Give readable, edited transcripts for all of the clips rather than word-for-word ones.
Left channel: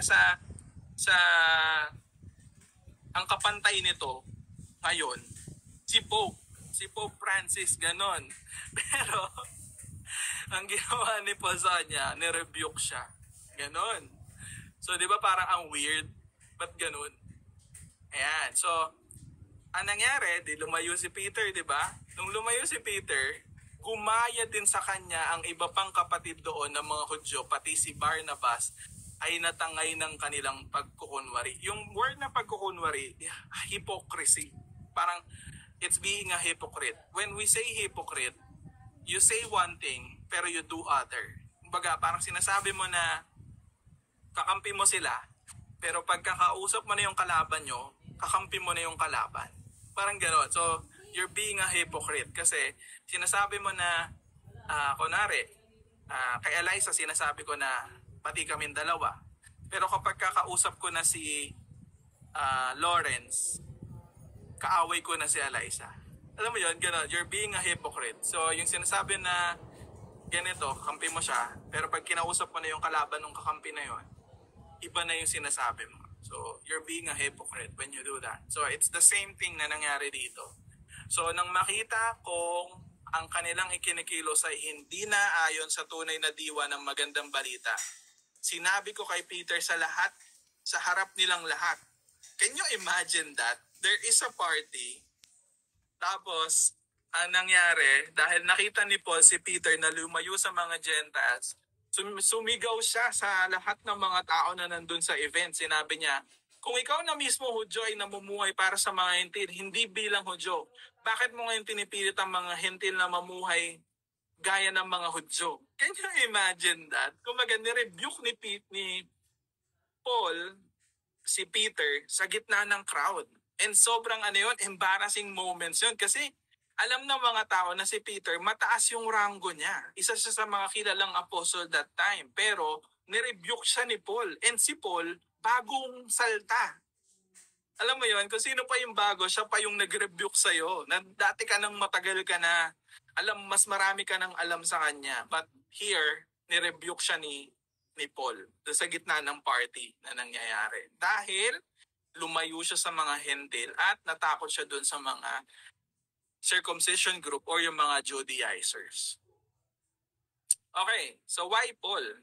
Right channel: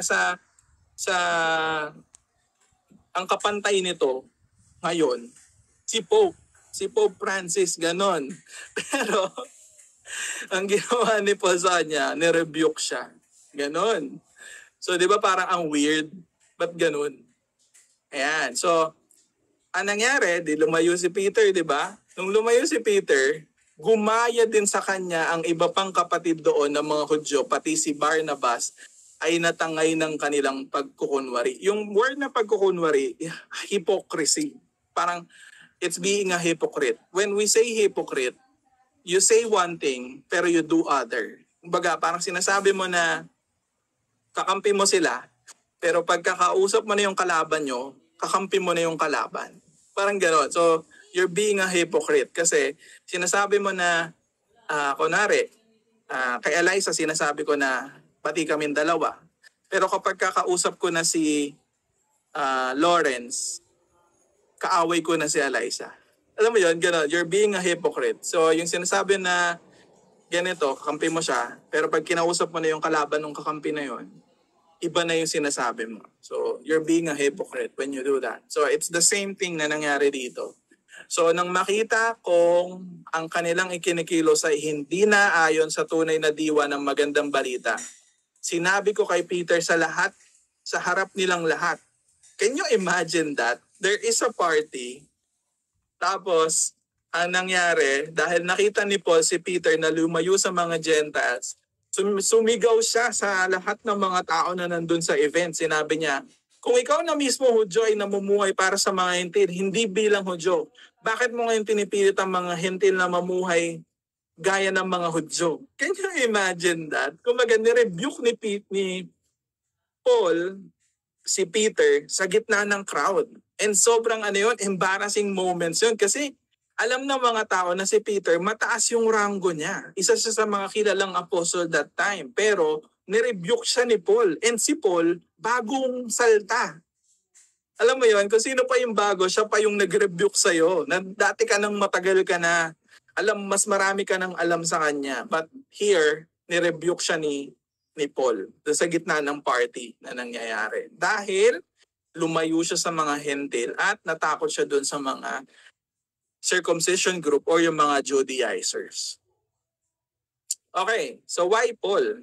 sa ang kapantay nito ngayon, si Pope Francis, ganon. Pero ang ginawa ni Paul sa kanya, nirebuke siya. Ganon. So, di ba parang ang weird? Ba't ganon? Ayan. So, ang nangyari, di lumayo si Peter, di ba? Nung lumayo si Peter, gumaya din sa kanya ang iba pang kapatid doon ng mga Hudyo, pati si Barnabas, ay natangay ng kanilang pagkukunwari. Yung word na pagkukunwari, hypocrisy. Parang, it's being a hypocrite. When we say hypocrite, you say one thing, pero you do other. Kumbaga, parang sinasabi mo na kakampi mo sila, pero pagkakausap mo na yung kalaban nyo, kakampi mo na yung kalaban. Parang gano'n. So, you're being a hypocrite kasi sinasabi mo na, kunwari, kay Eliza sinasabi ko na pati kaming dalawa. Pero kapag kakausap ko na si Lawrence, kaaway ko na si Eliza. Alam mo yun, gano'n. You're being a hypocrite. So, yung sinasabi na ganito, kakampi mo siya, pero pag kinausap mo na yung kalaban ng kakampi na yun, iba na yung sinasabi mo. So, you're being a hypocrite when you do that. So, it's the same thing na nangyari dito. So, nang makita kong ang kanilang ikinikilos ay hindi na ayon sa tunay na diwa ng magandang balita, sinabi ko kay Peter sa harap nilang lahat. Can you imagine that? There is a party, tapos, ang nangyari, dahil nakita ni Paul si Peter na lumayo sa mga Gentiles, sumigaw siya sa lahat ng mga tao na nandun sa event. Sinabi niya, kung ikaw na mismo Hudyo ay namumuhay para sa mga hentil, hindi bilang Hudyo, bakit mo ngayon pinipilit ang mga hentil na mamuhay gaya ng mga Hudyo? Can you imagine that? Kumbaga, nirebuke ni Paul si Peter sa gitna ng crowd. And sobrang embarrassing moments yun kasi alam ng mga tao na si Peter, mataas yung ranggo niya. Isa siya sa mga kilalang apostle that time. Pero, nirebuke siya ni Paul. And si Paul, bagong salta. Alam mo yon, kung sino pa yung bago, siya pa yung nag-rebuke sa'yo. Na dati ka nang matagal ka na, mas marami ka nang alam sa kanya. But here, nirebuke siya ni Paul. Sa gitna ng party na nangyayari. Dahil, lumayo siya sa mga hentil at natakot siya doon sa mga circumcision group or yung mga Judaizers. Okay, so why Paul?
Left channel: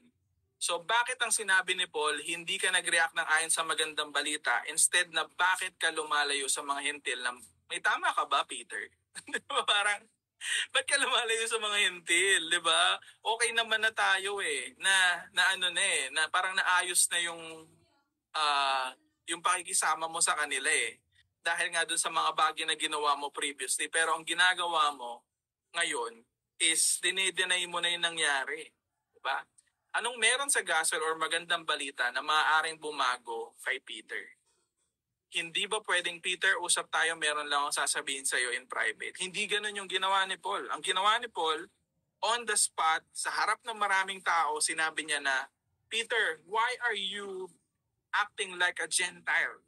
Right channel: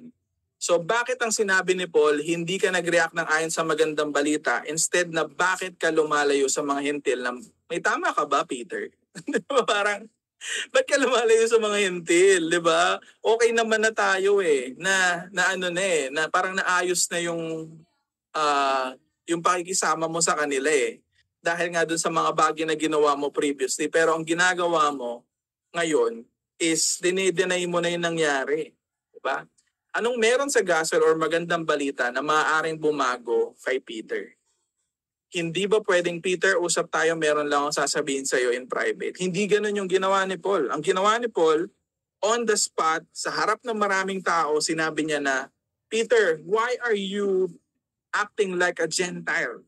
So bakit ang sinabi ni Paul, hindi ka nag-react ng ayon sa magandang balita, instead na bakit ka lumalayo sa mga hentil? May tama ka ba, Peter? Parang, ba't ka lumalayo sa mga hentil, di ba? Okay naman na tayo na parang naayos na yung pakikisama mo sa kanila dahil nga dun sa mga bagay na ginawa mo previously. Pero ang ginagawa mo ngayon is dinideny mo na yung nangyari. Diba? Anong meron sa gospel or magandang balita na maaaring bumago kay Peter? Hindi ba pwedeng, Peter, usap tayo, meron lang akong sasabihin sa'yo in private? Hindi ganun yung ginawa ni Paul. Ang ginawa ni Paul, on the spot, sa harap ng maraming tao, sinabi niya na, Peter, why are you acting like a Gentile?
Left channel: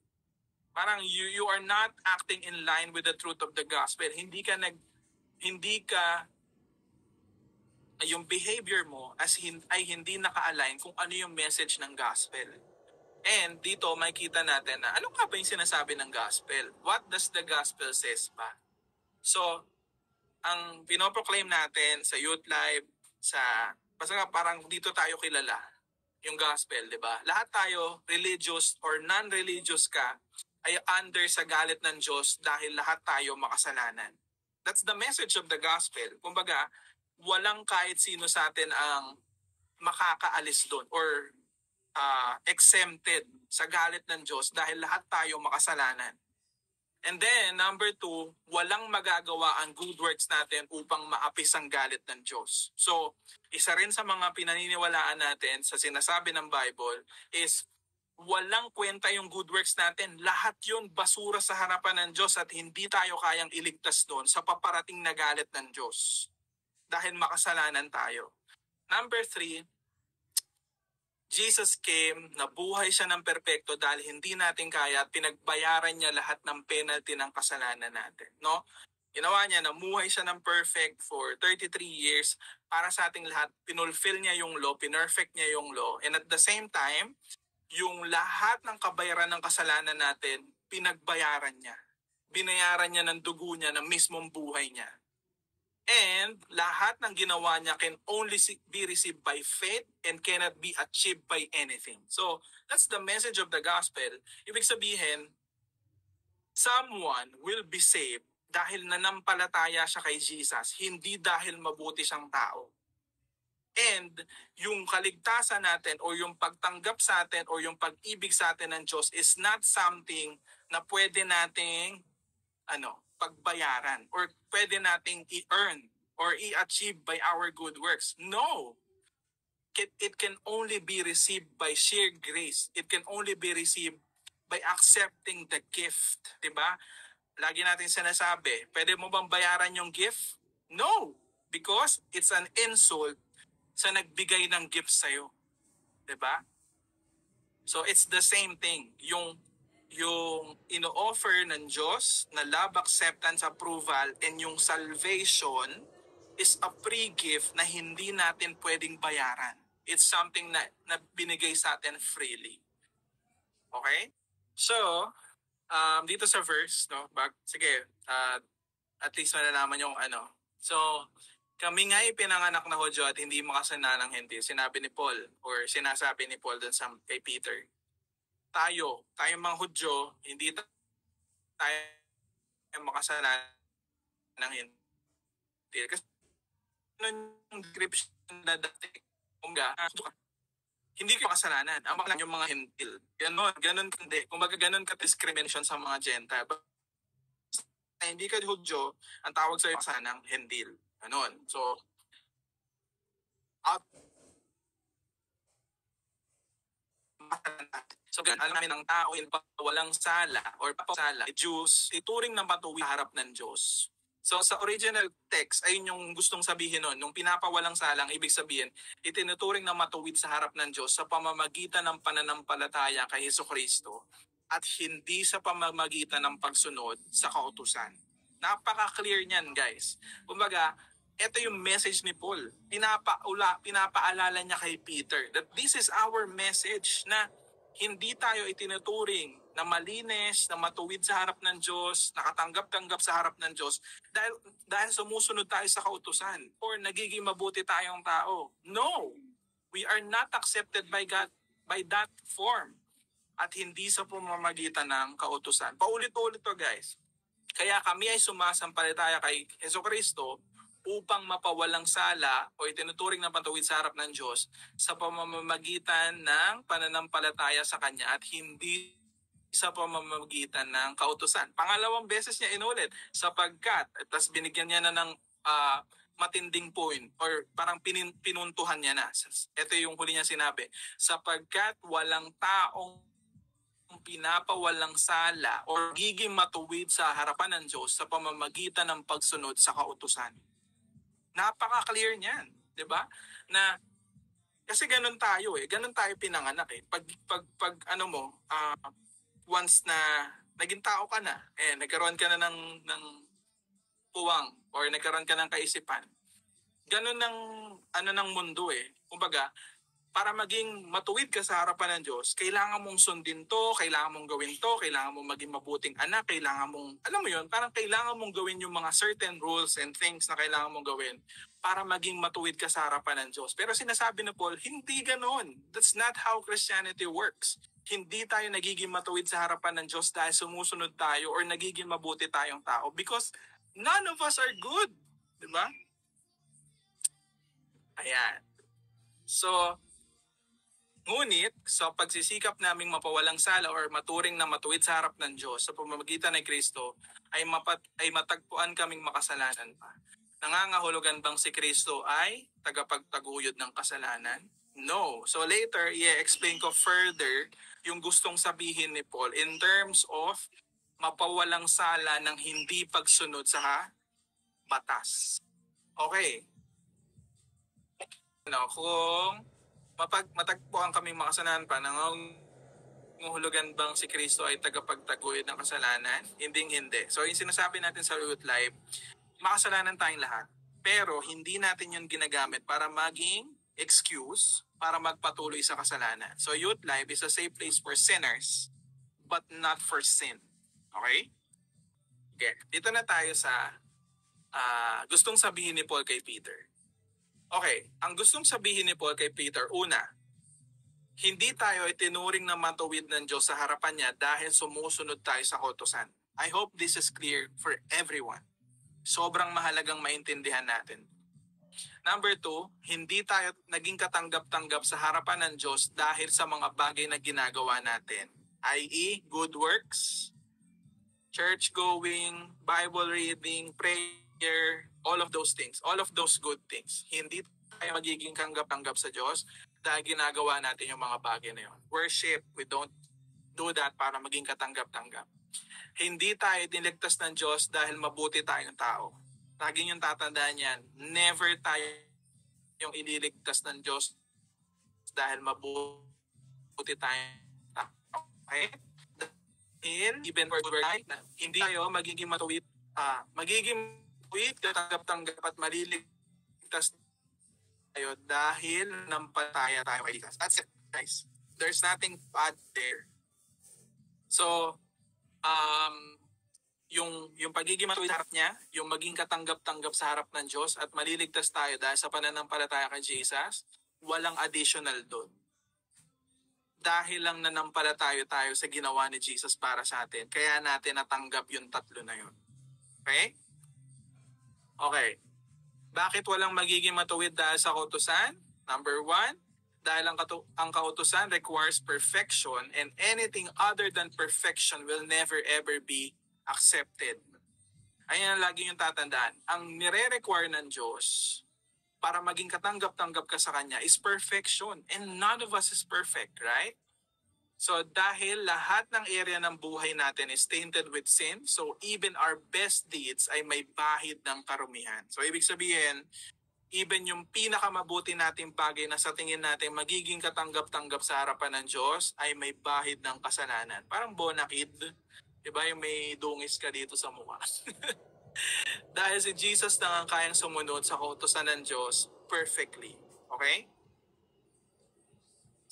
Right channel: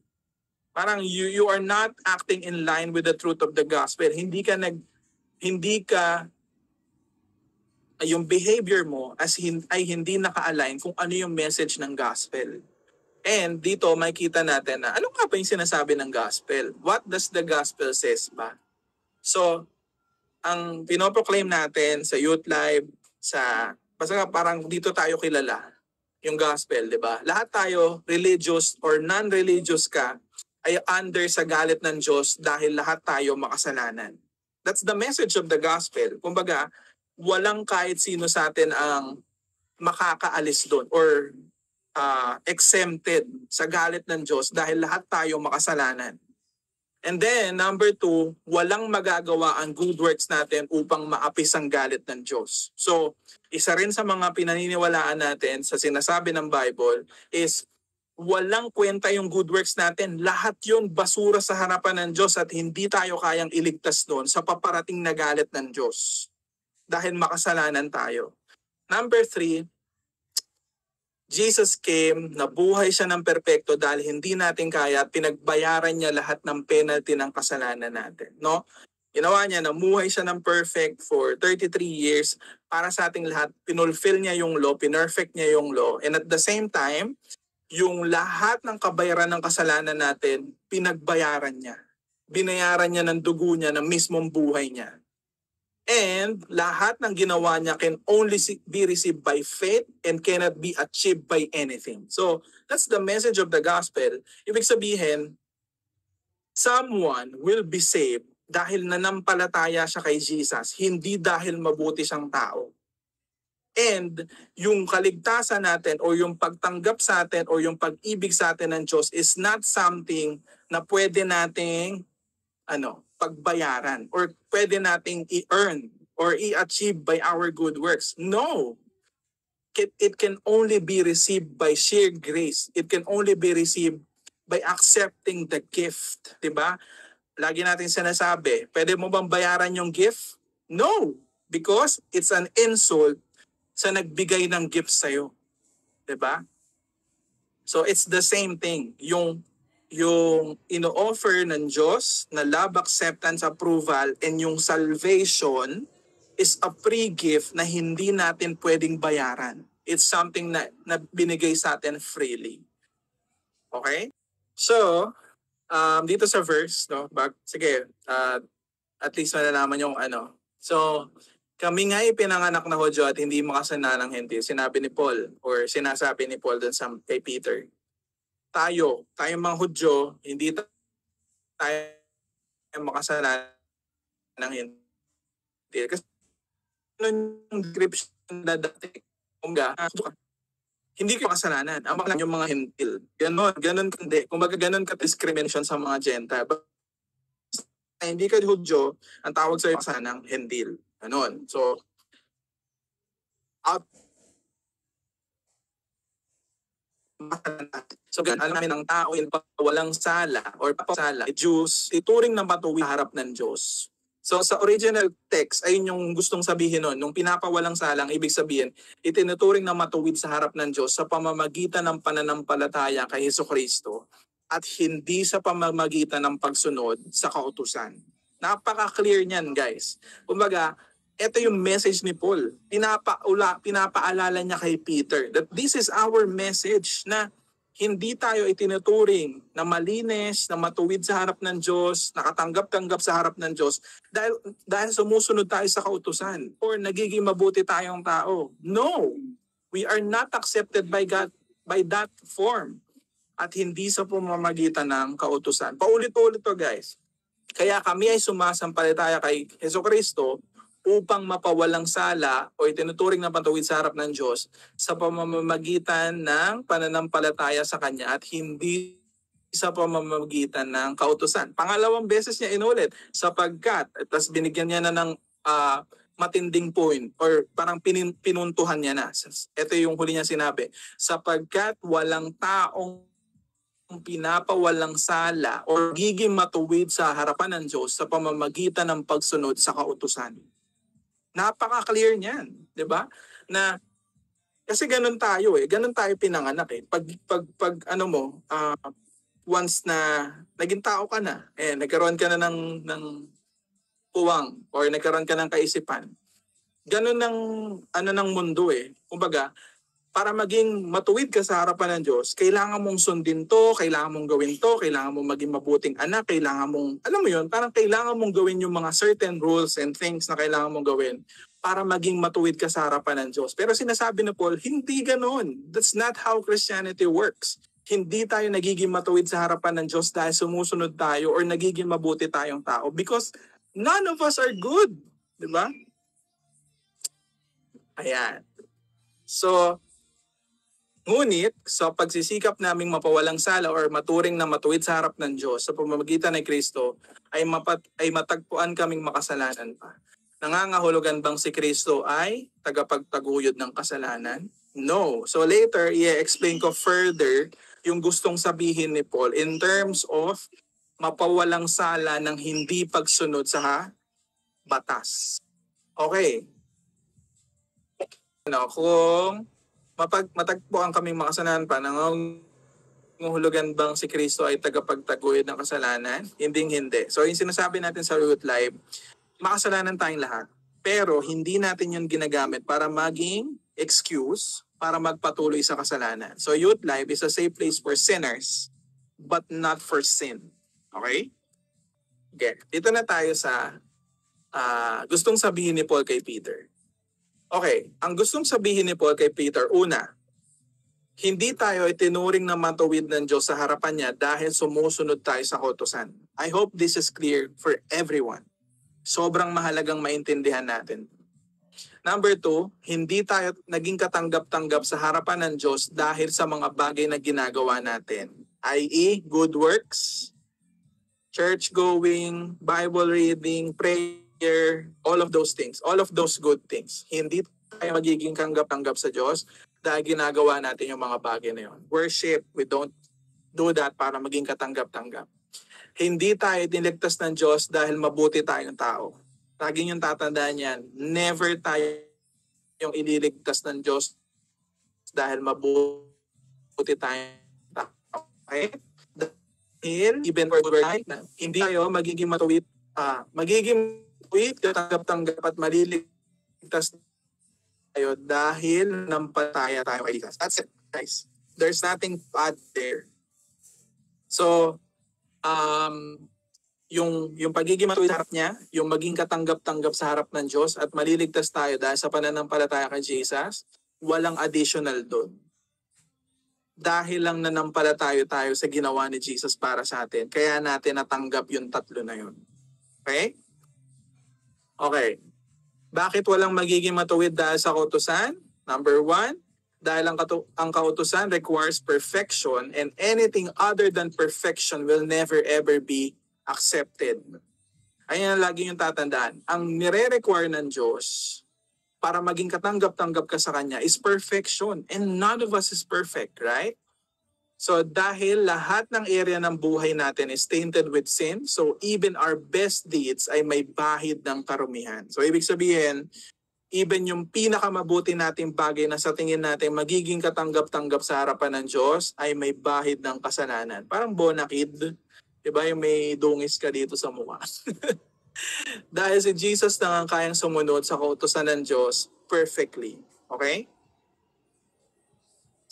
Parang you are not acting in line with the truth of the gospel. Yung behavior mo ay hindi naka-align kung ano yung message ng gospel. And dito makikita natin na ano nga ba yung sinasabi ng gospel? What does the gospel says ba? So, ang pinoproclaim natin sa Youth Live, basta parang dito tayo kilala, yung gospel, di ba? Lahat tayo, religious or non-religious ka, ay under sa galit ng Diyos dahil lahat tayo makasalanan. That's the message of the gospel. Kumbaga, walang kahit sino sa atin ang makakaalis doon or exempted sa galit ng Diyos dahil lahat tayo makasalanan. And then, number 2, walang magagawa ang good works natin upang maapis ang galit ng Diyos. So, isa rin sa mga pinaniniwalaan natin sa sinasabi ng Bible is walang kwenta yung good works natin. Lahat yun basura sa harapan ng Diyos at hindi tayo kayang iligtas doon sa paparating na galit ng Diyos. Dahil makasalanan tayo. Number 3, Jesus came, nabuhay siya ng perpekto dahil hindi natin kaya at pinagbayaran niya lahat ng penalty ng kasalanan natin. No? Ginawa niya, namuhay siya ng perfect for 33 years para sa ating lahat. Pinulfill niya yung law, pinerfect niya yung law. And at the same time, yung lahat ng kabayaran ng kasalanan natin, pinagbayaran niya. Binayaran niya ng dugo niya, ng mismong buhay niya. And lahat ng ginawa niya can only be received by faith and cannot be achieved by anything. So, that's the message of the gospel. Ibig sabihin, someone will be saved dahil nanampalataya siya kay Jesus, hindi dahil mabuti siyang tao. And yung kaligtasan natin o yung pagtanggap sa atin o yung pag-ibig sa atin ng Diyos is not something na pwede nating pagbayaran or pwede nating i-earn or i-achieve by our good works. No. It can only be received by sheer grace. It can only be received by accepting the gift. Diba? Lagi natin sinasabi, pwede mo bang bayaran yung gift? No. Because it's an insult sa nagbigay ng gift sa'yo. Diba? So it's the same thing. Yung ino-offer ng Diyos na love, acceptance, approval, and yung salvation is a free gift na hindi natin pwedeng bayaran. It's something na binigay sa atin freely. Okay? So, dito sa verse, no? Sige, at least malalaman yung ano. So, kami nga ipinanganak na Hudyo at hindi makasalanan ng Hentil. Sinabi ni Paul or sinasabi ni Paul dun kay Peter. Tayo mga Hudyo, hindi tayo makasalanan ng Hentil. Kasi yung description na dati, hindi kayo makasalanan. Ang mga yung mga Hentil. Ganon hindi. Kumbaga ganon ka discrimination sa mga Gentile. Hindi ka Hudyo, ang tawag sa'yo kasanang Hentil. Ganon. So, alam namin ng tao yung walang sala or papasala, Jews, ituring na matuwid sa harap ng Diyos. So sa original text, ayun yung gustong sabihin nun. Nung pinapawalang salang, ibig sabihin, itinuturing na matuwid sa harap ng Diyos sa pamamagitan ng pananampalataya kay Jesucristo at hindi sa pamamagitan ng pagsunod sa kautusan. Napaka-clear niyan, guys. Kumbaga, ito yung message ni Paul. Pinapaalala niya kay Peter that this is our message na hindi tayo itinuturing na malinis, na matuwid sa harap ng Diyos, nakatanggap-tanggap sa harap ng Diyos dahil sumusunod tayo sa kautusan or nagiging mabuti tayong tao. No! We are not accepted by God by that form at hindi sa pamamagitan ng kautusan. Paulit-ulit to, guys. Kaya kami ay sumasampalataya kay Jesucristo upang mapawalang sala o itinuturing na patuwid sa harap ng Diyos sa pamamagitan ng pananampalataya sa Kanya at hindi sa pamamagitan ng kautusan. Pangalawang beses niya inulit, sapagkat, tapos binigyan niya na ng matinding point or parang pinuntuhan niya na. Ito yung huli niya sinabi, sapagkat walang taong pinapawalang sala o giging matuwid sa harapan ng Diyos sa pamamagitan ng pagsunod sa kautusan. Napaka-clear niyan, 'di ba? Na kasi ganun tayo ganun tayo pinanganak Pag once na naging tao ka na, nagkaroon ka na ng puwang or nagkaroon ka ng kaisipan. Ganun ng mundo Kumbaga, para maging matuwid ka sa harapan ng Diyos, kailangan mong sundin to, kailangan mong gawin to, kailangan mong maging mabuting anak, kailangan mong, alam mo yun, parang kailangan mong gawin yung mga certain rules and things na kailangan mong gawin para maging matuwid ka sa harapan ng Diyos. Pero sinasabi ni Paul, hindi ganoon. That's not how Christianity works. Hindi tayo nagiging matuwid sa harapan ng Diyos dahil sumusunod tayo or nagiging mabuti tayong tao because none of us are good. Diba? Ayan. So, ngunit, sa pagsisikap naming mapawalang sala or maturing na matuwid sa harap ng Diyos sa pamamagitan ng Kristo, ay matagpuan kaming makasalanan pa. Nangangahulugan bang si Kristo ay tagapagtaguyod ng kasalanan? No. So later, i-explain ko further yung gustong sabihin ni Paul in terms of mapawalang sala ng hindi pagsunod sa batas. Okay. Kung matagpuan kaming makasalanan pa, nangangahulugan bang si Kristo ay tagapagtaguyod ng kasalanan? Hindi. So yung sinasabi natin sa Root Live, makasalanan tayong lahat. Pero hindi natin yun ginagamit para maging excuse para magpatuloy sa kasalanan. So youth life is a safe place for sinners but not for sin. Okay? Okay. Dito na tayo sa gustong sabihin ni Paul kay Peter. Okay, ang gustong sabihin ni Paul kay Peter, una, hindi tayo itinuring na matuwid ng Diyos sa harapan niya dahil sumusunod tayo sa kautusan. I hope this is clear for everyone. Sobrang mahalagang maintindihan natin. Number 2, hindi tayo naging katanggap-tanggap sa harapan ng Diyos dahil sa mga bagay na ginagawa natin. I.e., good works, church-going, Bible reading, prayer, all of those things, all of those good things. Hindi tayo magiging tanggap-tanggap sa Diyos dahil ginagawa natin yung mga bagay na yun. Worship, we don't do that para maging katanggap-tanggap. Hindi tayo niligtas ng Diyos dahil mabuti tayong tao. Laging yung tatandaan yan, never tayo yung ililigtas ng Diyos dahil mabuti tayong tao. Okay? Dahil, even for good work, hindi tayo magiging matuwid, katanggap-tanggap at maliligtas tayo dahil nampataya tayo kay Jesus. That's it, guys. There's nothing bad there. So, yung pagiging matuwid sa harap niya, yung maging katanggap-tanggap sa harap ng Diyos at maliligtas tayo dahil sa pananampalataya kay Jesus, walang additional doon. Dahil lang nanampalataya tayo sa ginawa ni Jesus para sa atin, kaya natin natanggap yung tatlo na yun. Okay? Okay. Bakit walang magiging matuwid dahil sa kautusan? Number 1, dahil ang kautusan requires perfection and anything other than perfection will never ever be accepted. Ayan ang lagi yung tatandaan. Ang nire-require ng Diyos para maging katanggap-tanggap ka sa Kanya is perfection. And none of us is perfect, right? So dahil lahat ng area ng buhay natin is tainted with sin, so even our best deeds ay may bahid ng karumihan. So ibig sabihin, even yung pinakamabuti nating bagay na sa tingin natin magiging katanggap-tanggap sa harapan ng Diyos ay may bahid ng kasalanan. Parang bonakid, diba yung may dungis ka dito sa mukha. Dahil si Jesus na ang kayang sumunod sa kautusan ng Diyos perfectly. Okay?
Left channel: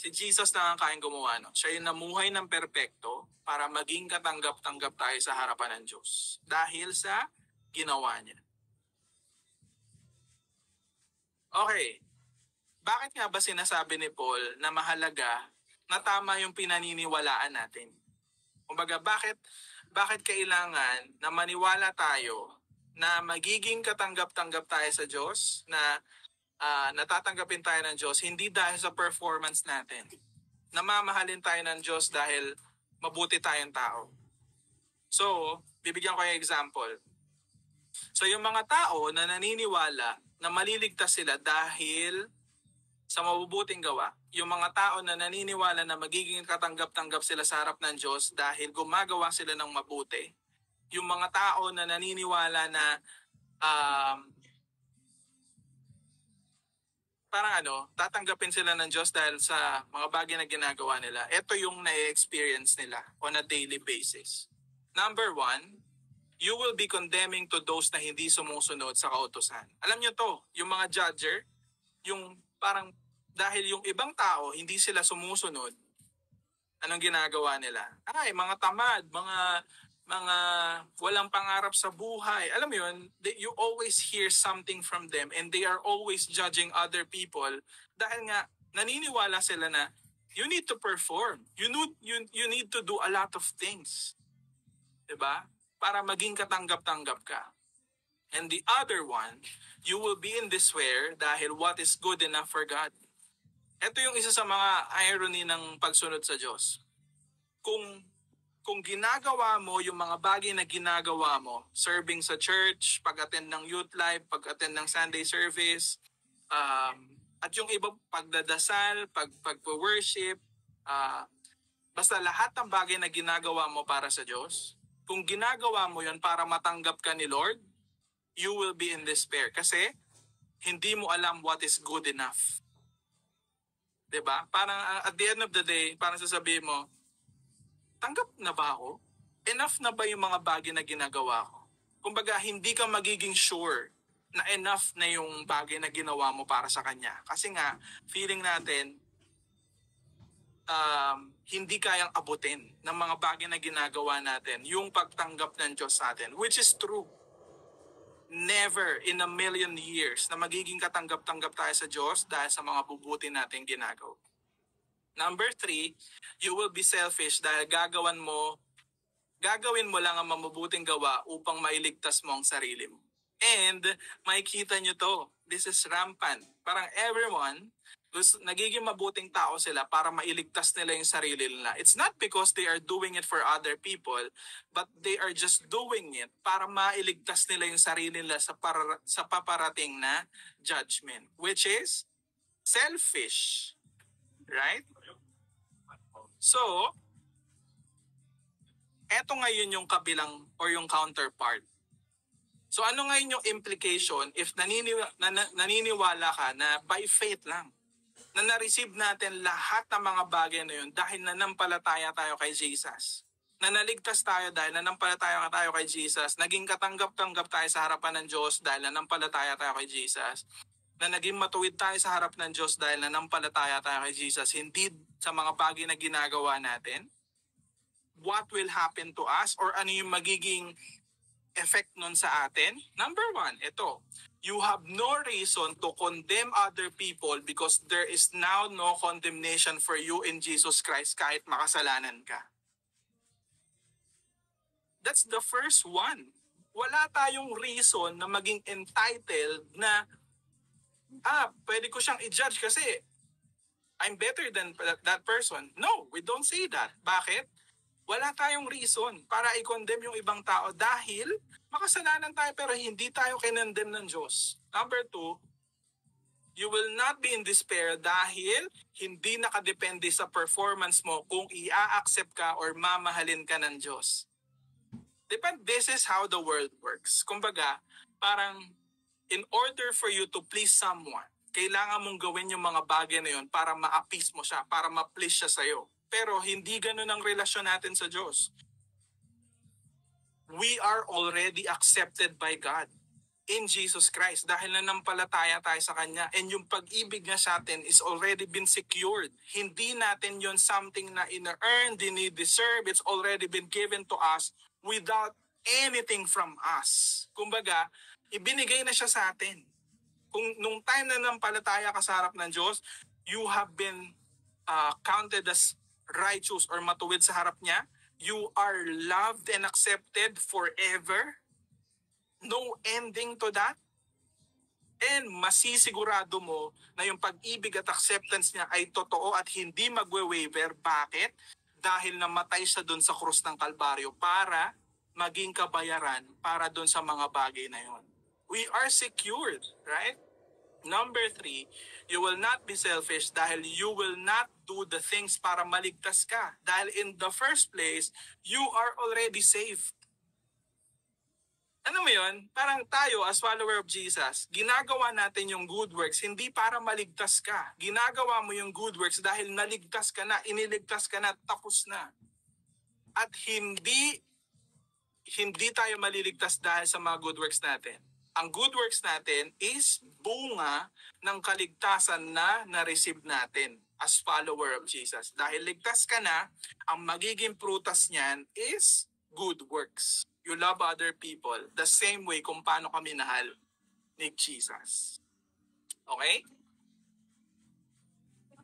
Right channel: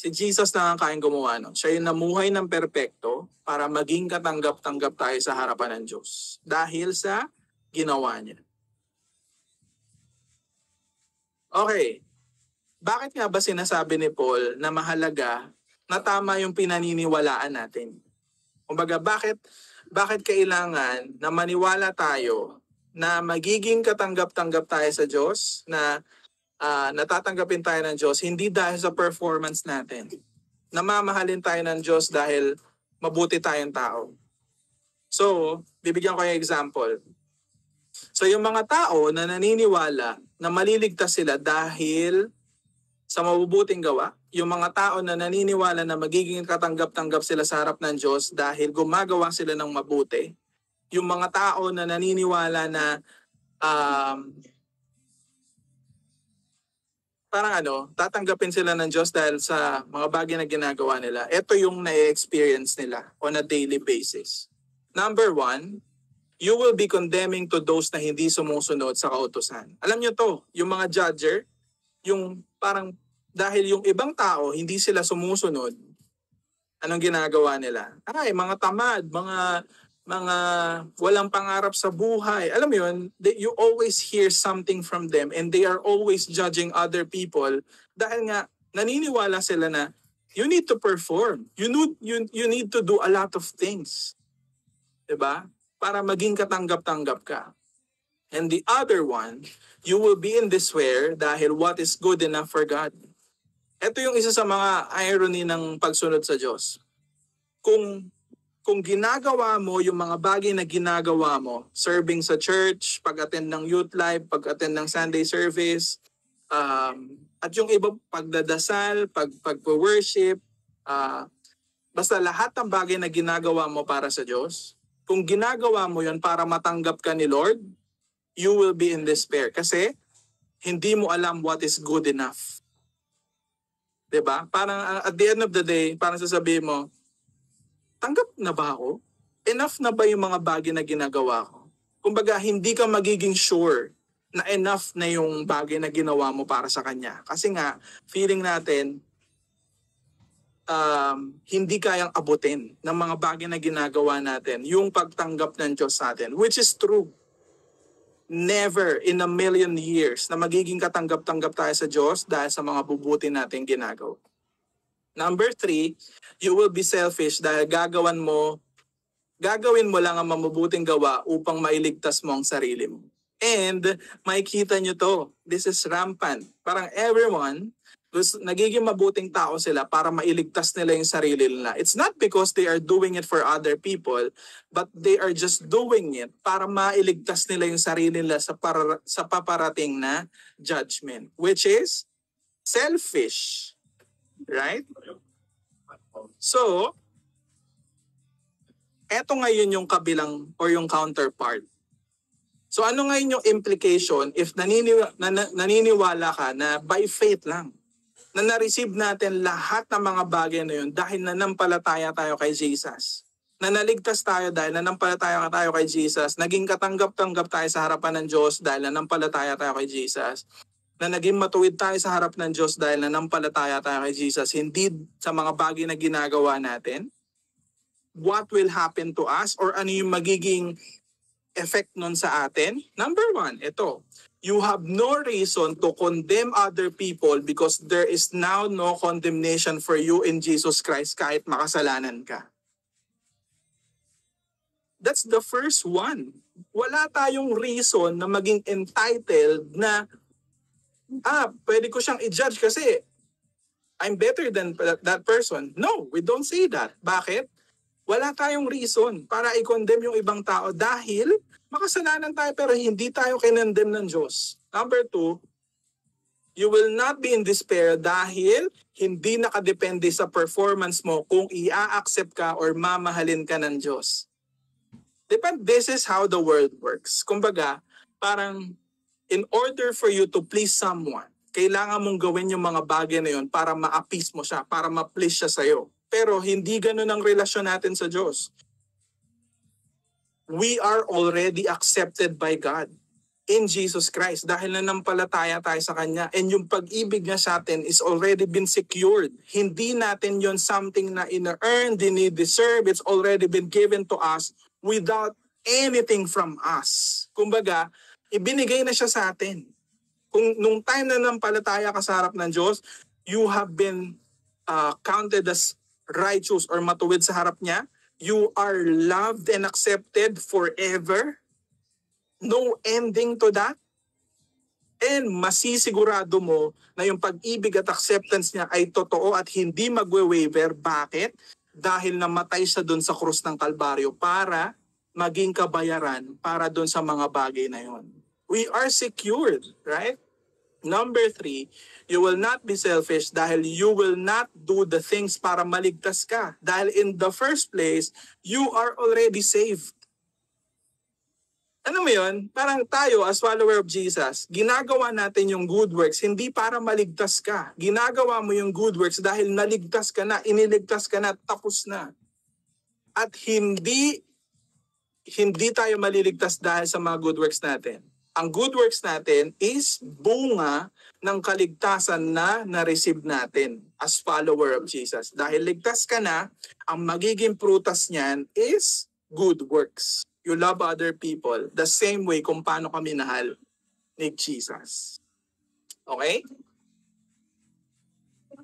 Si Jesus na ang kayang gumawa nun. Siya yung namuhay ng perpekto para maging katanggap-tanggap tayo sa harapan ng Diyos. Dahil sa ginawa niya. Okay. Bakit nga ba sinasabi ni Paul na mahalaga na tama yung pinaniniwalaan natin? Kumbaga, bakit kailangan na maniwala tayo na magiging katanggap-tanggap tayo sa Diyos, na natatanggapin tayo ng Diyos, hindi dahil sa performance natin. Namamahalin tayo ng Diyos dahil mabuti tayong tao. So, bibigyan ko yung example. So, yung mga tao na naniniwala na maliligtas sila dahil sa mabubuting gawa, yung mga tao na naniniwala na magiging katanggap-tanggap sila sa harap ng Diyos dahil gumagawa sila ng mabuti, yung mga tao na naniniwala na tatanggapin sila ng Diyos dahil sa mga bagay na ginagawa nila. Ito yung na-experience nila on a daily basis. Number 1, you will be condemning to those na hindi sumusunod sa kautusan. Alam nyo to, yung mga judger, yung parang dahil yung ibang tao hindi sila sumusunod, anong ginagawa nila? Ay, mga tamad, mga walang pangarap sa buhay. Alam mo yun, you always hear something from them and they are always judging other people dahil nga naniniwala sila na you need to perform. You need to do a lot of things. Diba? Para maging katanggap-tanggap ka. And the other one, you will be in despair dahil what is good enough for God. Ito yung isa sa mga irony ng pagsunod sa Diyos. Kung ginagawa mo yung mga bagay na ginagawa mo, serving sa church, pag-attend ng youth life, pag-attend ng Sunday service, at yung iba pagdadasal, pag-worship, basta lahat ng bagay na ginagawa mo para sa Diyos, kung ginagawa mo yun para matanggap ka ni Lord, you will be in despair kasi hindi mo alam what is good enough. 'Di ba? Parang at the end of the day, parang sasabihin mo, tanggap na ba ako? Enough na ba yung mga bagay na ginagawa ko? Kumbaga, hindi ka magiging sure na enough na yung bagay na ginawa mo para sa Kanya. Kasi nga, feeling natin, hindi kayang abutin ng mga bagay na ginagawa natin yung pagtanggap ng Diyos sa atin, which is true. Never in a million years na magiging katanggap-tanggap tayo sa Diyos dahil sa mga bubuti natin ginagawa. Number 3, you will be selfish dahil gagawin mo lang ang mabubuting gawa upang mailigtas mo ang sarili mo. And makikita nyo to, this is rampant. Parang everyone, nagiging mabuting tao sila para mailigtas nila yung sarili nila. It's not because they are doing it for other people, but they are just doing it para mailigtas nila yung sarili nila sa paparating na judgment, which is selfish. Right? So, eto ngayon yung kabilang or yung counterpart. So ano ngayon yung implication if naniniwala ka na by faith lang, na na-receive natin lahat ng mga bagay na yun dahil nanampalataya tayo kay Jesus. Na naligtas tayo dahil nanampalataya tayo kay Jesus. Naging katanggap-tanggap tayo sa harapan ng Diyos dahil nanampalataya tayo kay Jesus. Na naging matuwid tayo sa harap ng Diyos dahil nanampalataya tayo kay Jesus. Hindi sa mga bagay na ginagawa natin. What will happen to us or ano yung magiging effect nun sa atin? Number 1, ito. You have no reason to condemn other people because there is now no condemnation for you in Jesus Christ kahit makasalanan ka. That's the first one. Wala tayong reason na maging entitled na pwede ko siyang i-judge kasi I'm better than that person. No, we don't say that. Bakit? Wala tayong reason para i-condemn yung ibang tao dahil makasalanan tayo pero hindi tayo kinondemn ng Diyos. Number 2, you will not be in despair dahil hindi nakadepende sa performance mo kung i-accept ka or mamahalin ka ng Diyos. This is how the world works. Kumbaga, parang in order for you to please someone, kailangan mong gawin yung mga bagay na yun para ma-appease mo siya, para ma-please siya sa'yo. Pero hindi ganun ang relasyon natin sa Diyos. We are already accepted by God in Jesus Christ dahil nanampalataya tayo sa Kanya. And yung pag-ibig niya sa atin is already been secured. Hindi natin yon something na ina-earn, dini-deserve. It's already been given to us without anything from us. Kumbaga, ibinigay na siya sa atin. Kung nung time na nanampalataya ka sa harap ng Diyos, you have been counted as righteous or matuwid sa harap niya. You are loved and accepted forever. No ending to that. And masisigurado mo na yung pag-ibig at acceptance niya ay totoo at hindi magwe-waver. Bakit? Dahil namatay siya dun sa krus ng Kalbaryo para maging kabayaran para dun sa mga bagay na yon. We are secured, right? Number 3, you will not be selfish dahil you will not do the things para maligtas ka. Dahil in the first place, you are already saved. Ano mo yun? Parang tayo as follower of Jesus, ginagawa natin yung good works hindi para maligtas ka. Ginagawa mo yung good works dahil naligtas ka na, iniligtas ka na, tapos na. At hindi tayo maliligtas dahil sa mga good works natin. Ang good works natin is bunga ng kaligtasan na na-receive natin as follower of Jesus. Dahil ligtas ka na, ang magiging prutas niyan is good works. You love other people the same way kung paano ka minahal ni Jesus. Okay?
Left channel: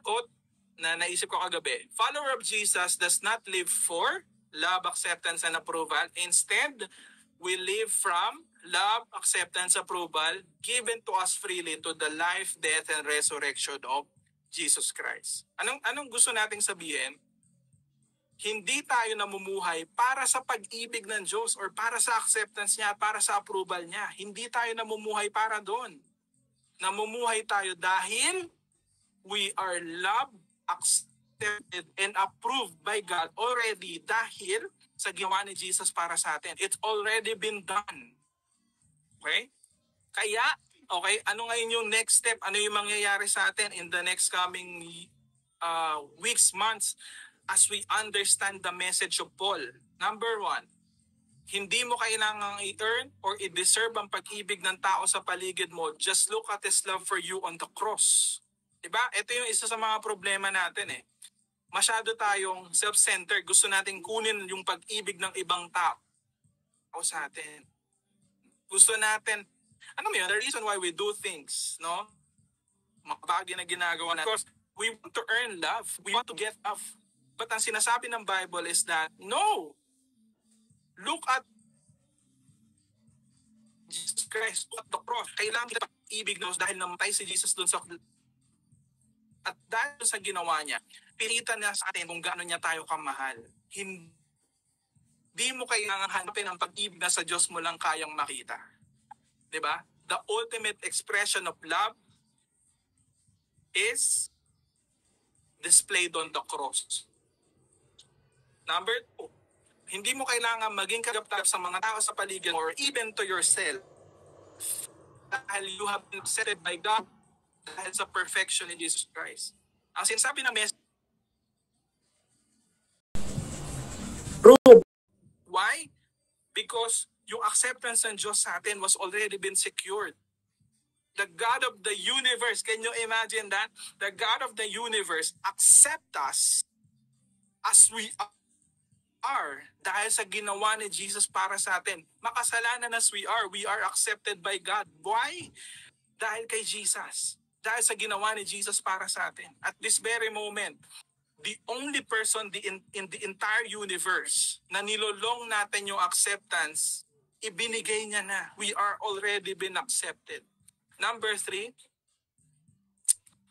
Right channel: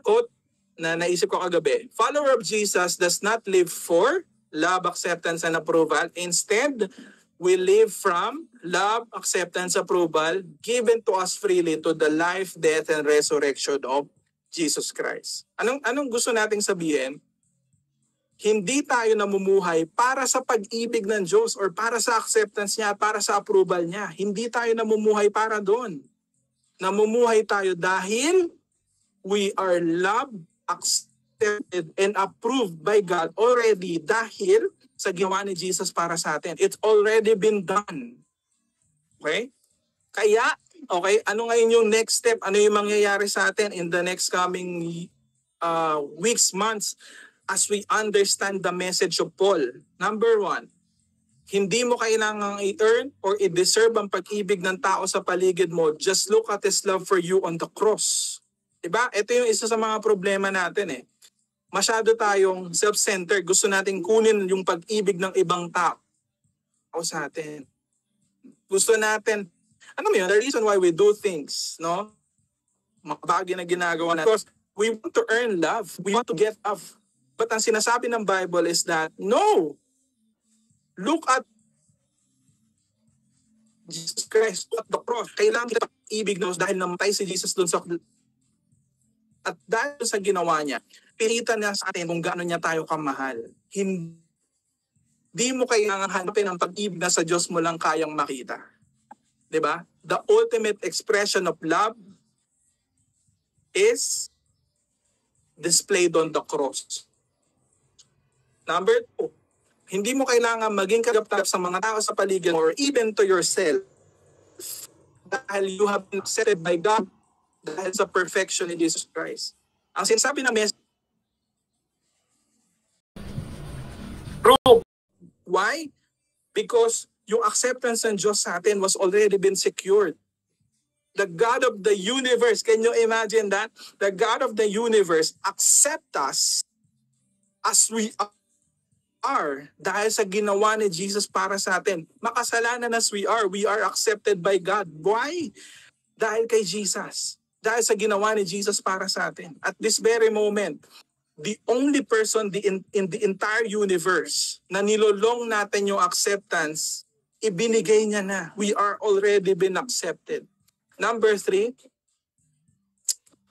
Quote na naisip ko kagabi. Follower of Jesus does not live for love, acceptance, and approval. Instead, we live from love, acceptance, approval given to us freely to the life, death, and resurrection of Jesus Christ. Anong gusto nating sabihin? Hindi tayo namumuhay para sa pag-ibig ng Diyos or para sa acceptance niya, para sa approval niya. Hindi tayo namumuhay para doon. Namumuhay tayo dahil we are loved, accepted, and approved by God already dahil sa ginawa ni Jesus para sa atin. It's already been done. Okay? Kaya, okay, ano ngayon yung next step? Ano yung mangyayari sa atin in the next coming weeks, months, as we understand the message of Paul? Number 1, Hindi mo kailangang i-earn or i-deserve ang pag-ibig ng tao sa paligid mo. Just look at His love for you on the cross. Diba? Ito yung isa sa mga problema natin eh. Masyado tayong self-centered. Gusto nating kunin yung pag-ibig ng ibang tao sa atin. Gusto natin, ano mo yun, the reason why we do things, no? Mga bagay na ginagawa natin. Because we want to earn love. We want to get love. But ang sinasabi ng Bible is that, no! Look at Jesus Christ at the cross. Kailangan kita pag-ibig na dahil namatay si Jesus doon sa... At dahil sa ginawa niya, pilitan niya sa atin kung gaano niya tayo kamahal. Hindi mo kailangan hanapin ang pag-ibig na sa Diyos mo lang kayang makita. Diba? The ultimate expression of love is displayed on the cross. Number 2, hindi mo kailangan maging kagap-tap sa mga tao sa paligid or even to yourself dahil you have been accepted by God dahil sa perfection ni Jesus Christ. Ang sinasabi ng message, prove. Why? Because yung acceptance ng Diyos sa atin was already been secured. The God of the universe, can you imagine that? The God of the universe accept us as we are dahil sa ginawa ni Jesus para sa atin. Makasalanan as we are accepted by God. Why? Dahil kay Jesus. Dahil sa ginawa ni Jesus para sa atin. At this very moment, the only person in the entire universe na nilolong natin yung acceptance, ibinigay niya na. We are already been accepted. Number 3,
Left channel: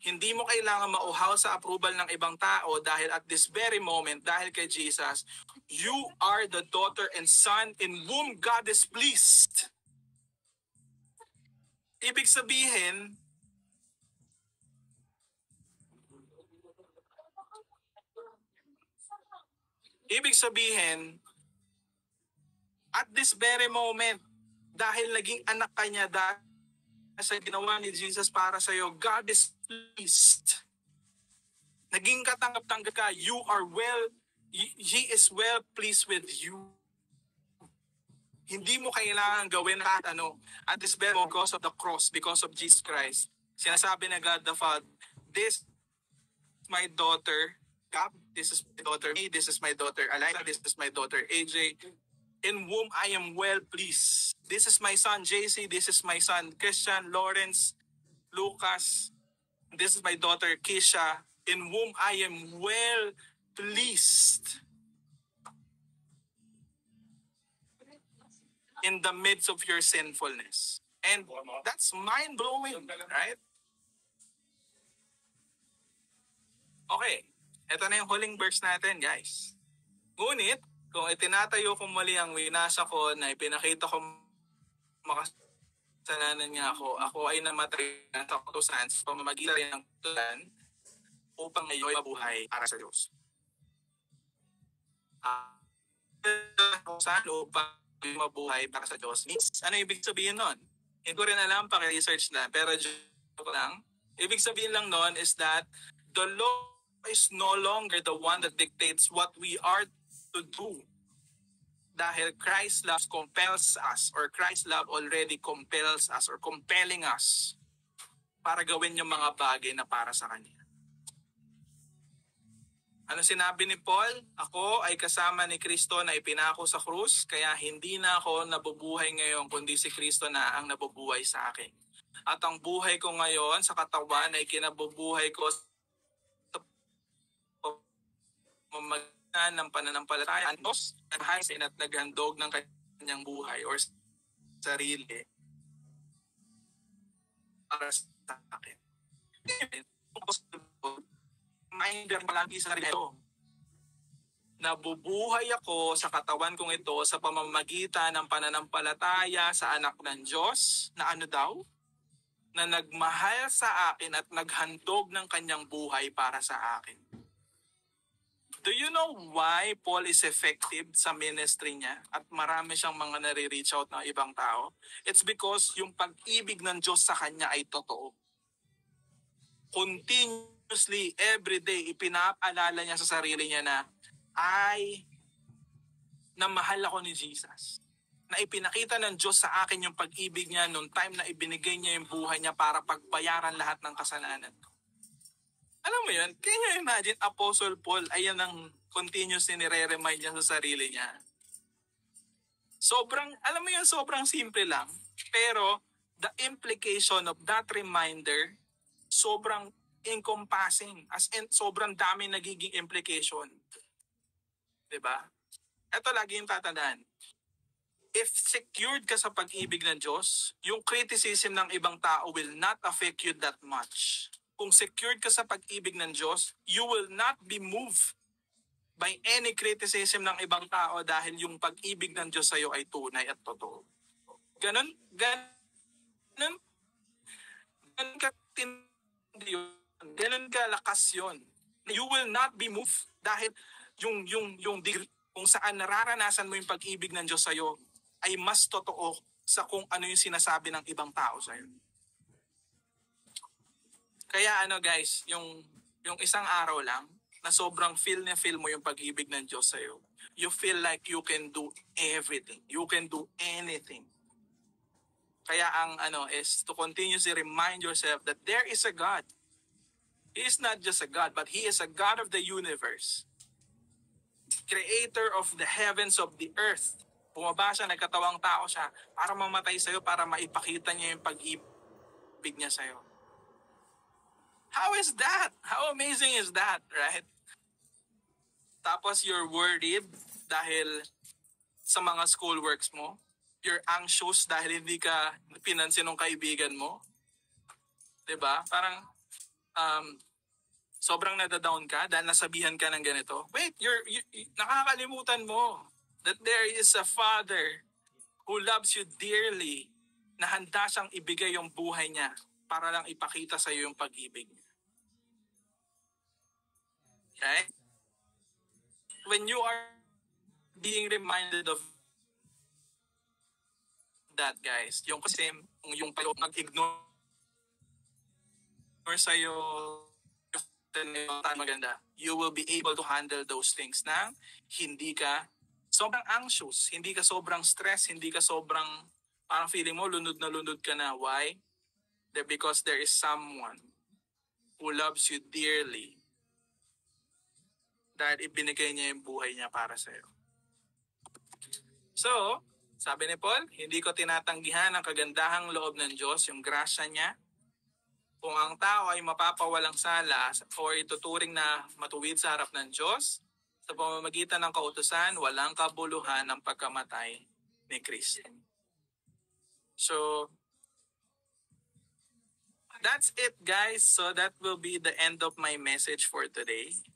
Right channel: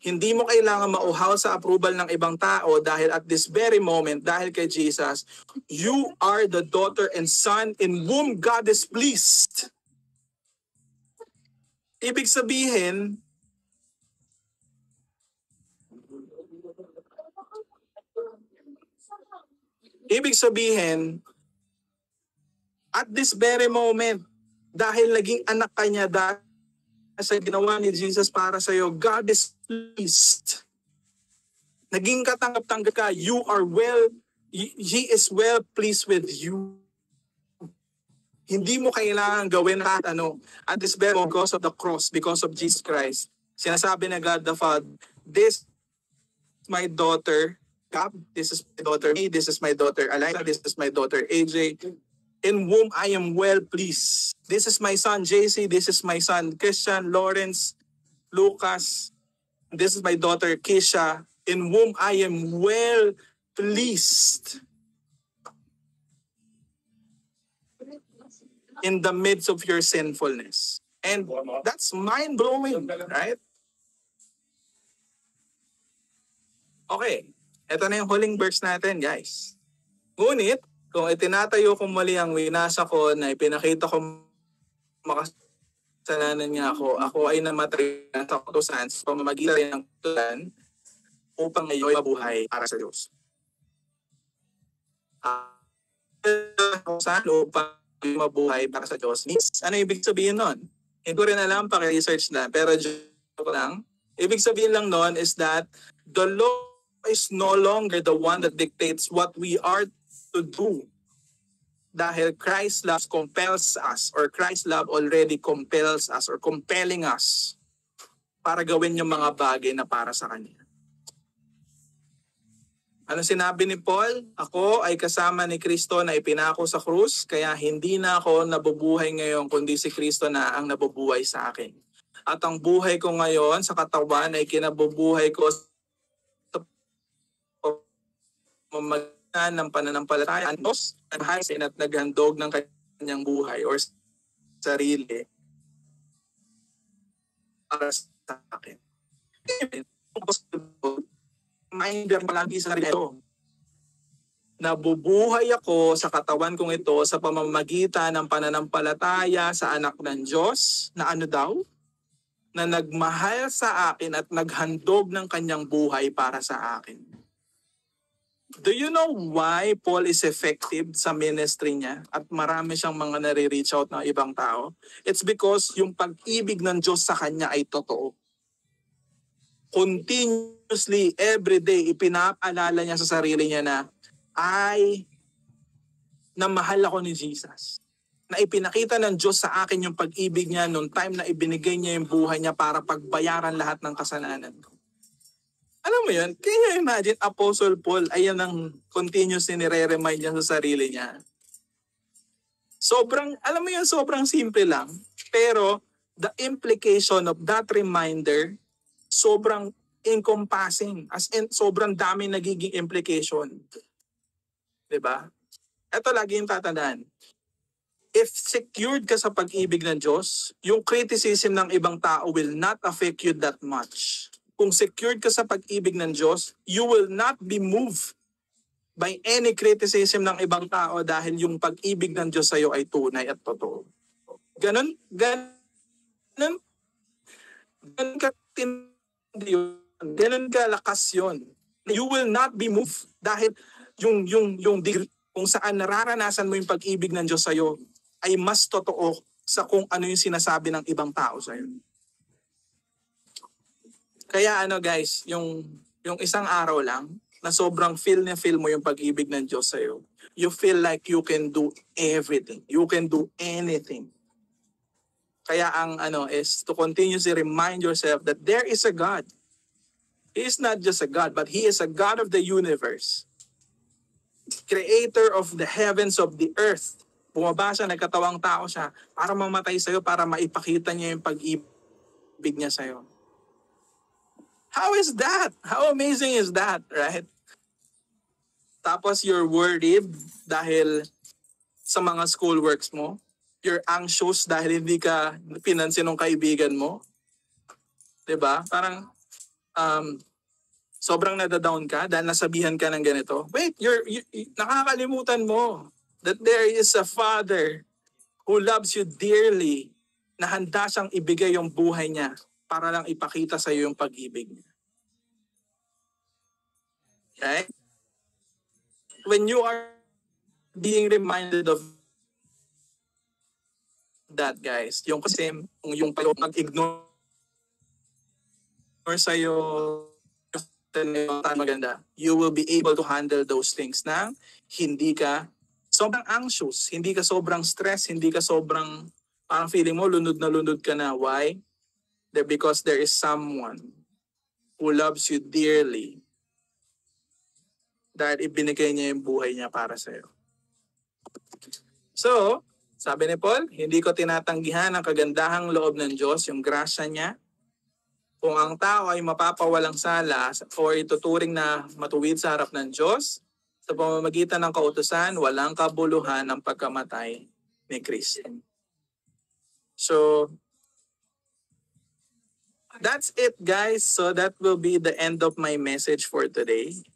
hindi mo kailangan mauhaw sa approval ng ibang tao dahil at this very moment, dahil kay Jesus, you are the daughter and son in whom God is pleased. Ibig sabihin, at this very moment, dahil naging anak ka niya dahil sa ginawa ni Jesus para sa iyo, God is pleased. Naging katanggap-tanggap ka, He is well pleased with you. Hindi mo kailangan gawin lahat at this very moment because of the cross, because of Jesus Christ. Sinasabi na God the Father, this is my daughter, Gab, this is my daughter Me, this is my daughter Alina, this is my daughter AJ, in whom I am well pleased. This is my son JC, this is my son Christian, Lawrence, Lucas, this is my daughter Kisha, in whom I am well pleased. In the midst of your sinfulness. And that's mind-blowing, right? Okay, ito na yung huling verse natin, guys. Ngunit, kung itinatayo ko muli ang winasa ko na ipinakita ko makasalanan niya ako ay namatay sa kautusan sa pamamagitan ng kautusan upang ngayon mabuhay para sa Diyos. Upang mabuhay para sa Diyos. Ano ibig sabihin nun? Hindi ko rin alam, paki-research na, pero joke lang. Ibig sabihin lang nun is that the law is no longer the one that dictates what we are to do. Dahil Christ's love compels us, or Christ's love already compels us, or compelling us para gawin yung mga bagay na para sa Kanya. Ano sinabi ni Paul? Ako ay kasama ni Kristo na ipinako sa krus, kaya hindi na ako nabubuhay ngayon, kundi si Kristo na ang nabubuhay sa akin. At ang buhay ko ngayon sa katawan ay kinabubuhay ko sa pamamagitan ng pananampalataya ng Diyos at naghandog ng kanyang buhay or sarili para sa akin. Reminder palagi sa sarili ko. Nabubuhay ako sa katawan kong ito sa pamamagitan ng pananampalataya sa anak ng Diyos na ano daw? Na nagmahal sa akin at naghandog ng kanyang buhay para sa akin. Do you know why Paul is effective sa ministry niya at marami siyang mga nare-reach out ng ibang tao? It's because yung pag-ibig ng Diyos sa kanya ay totoo. Continuously, every day, ipinapaalala niya sa sarili niya na mahal ako ni Jesus. na ipinakita ng Diyos sa akin yung pag-ibig niya nung time na ibinigay niya yung buhay niya para pagbayaran lahat ng kasalanan ko. Alam mo yun? Can you imagine, Apostle Paul, ayan ang continuously nire-remind niya sa sarili niya. Sobrang, alam mo yun, sobrang simple lang. Pero the implication of that reminder, sobrang encompassing. As in, sobrang dami nagiging implication. Diba? Ito lagi yung tatandaan. If secured ka sa pag-ibig ng Diyos, yung criticism ng ibang tao will not affect you that much. Kung secured ka sa pag-ibig ng Diyos, you will not be moved by any criticism ng ibang tao dahil yung pag-ibig ng Diyos sa iyo ay tunay at totoo. Ganon ka tindi yun. Ganon ka lakas yun. You will not be moved dahil yung degree kung saan nararanasan mo yung pag-ibig ng Diyos sa iyo ay mas totoo sa kung ano yung sinasabi ng ibang tao sa iyo. Kaya guys, yung isang araw lang na sobrang feel mo yung pag-ibig ng Diyos sa iyo. You feel like you can do everything. You can do anything. Kaya ang is to continuously remind yourself that there is a God. He is not just a God, but He is a God of the universe. Creator of the heavens, of the earth. Bumaba siya, nagkatawang tao siya para mamatay sa iyo, para maipakita niya yung pag-ibig niya sa iyo. How is that? How amazing is that, right? Tapos you're worried dahil sa mga schoolworks mo. You're anxious dahil hindi ka pinansin ng kaibigan mo. 'Di ba? Parang sobrang nadadown ka dahil nasabihan ka ng ganito. Wait, nakakalimutan mo that there is a Father who loves you dearly, na handa siyang ibigay yung buhay niya para lang ipakita sa iyo yung pag-ibig niya. Okay? When you are being reminded of that, guys, yung kasi yung mag-ignore sa iyo maganda, you will be able to handle those things na hindi ka sobrang anxious, hindi ka sobrang stress, hindi ka sobrang parang feeling mo lunod na lunod ka na. Why? Because there is someone who loves you dearly, dahil ibinigay niya yung buhay niya para sa iyo. So, sabi ni Paul, hindi ko tinatanggihan ang kagandahang loob ng Diyos, yung grasya niya. Kung ang tao ay mapapawalang sala o ituturing na matuwid sa harap ng Diyos, sa pamamagitan ng kautusan, walang kabuluhan ang pagkamatay ni Kristo. So, that's it, guys. So that will be the end of my message for today.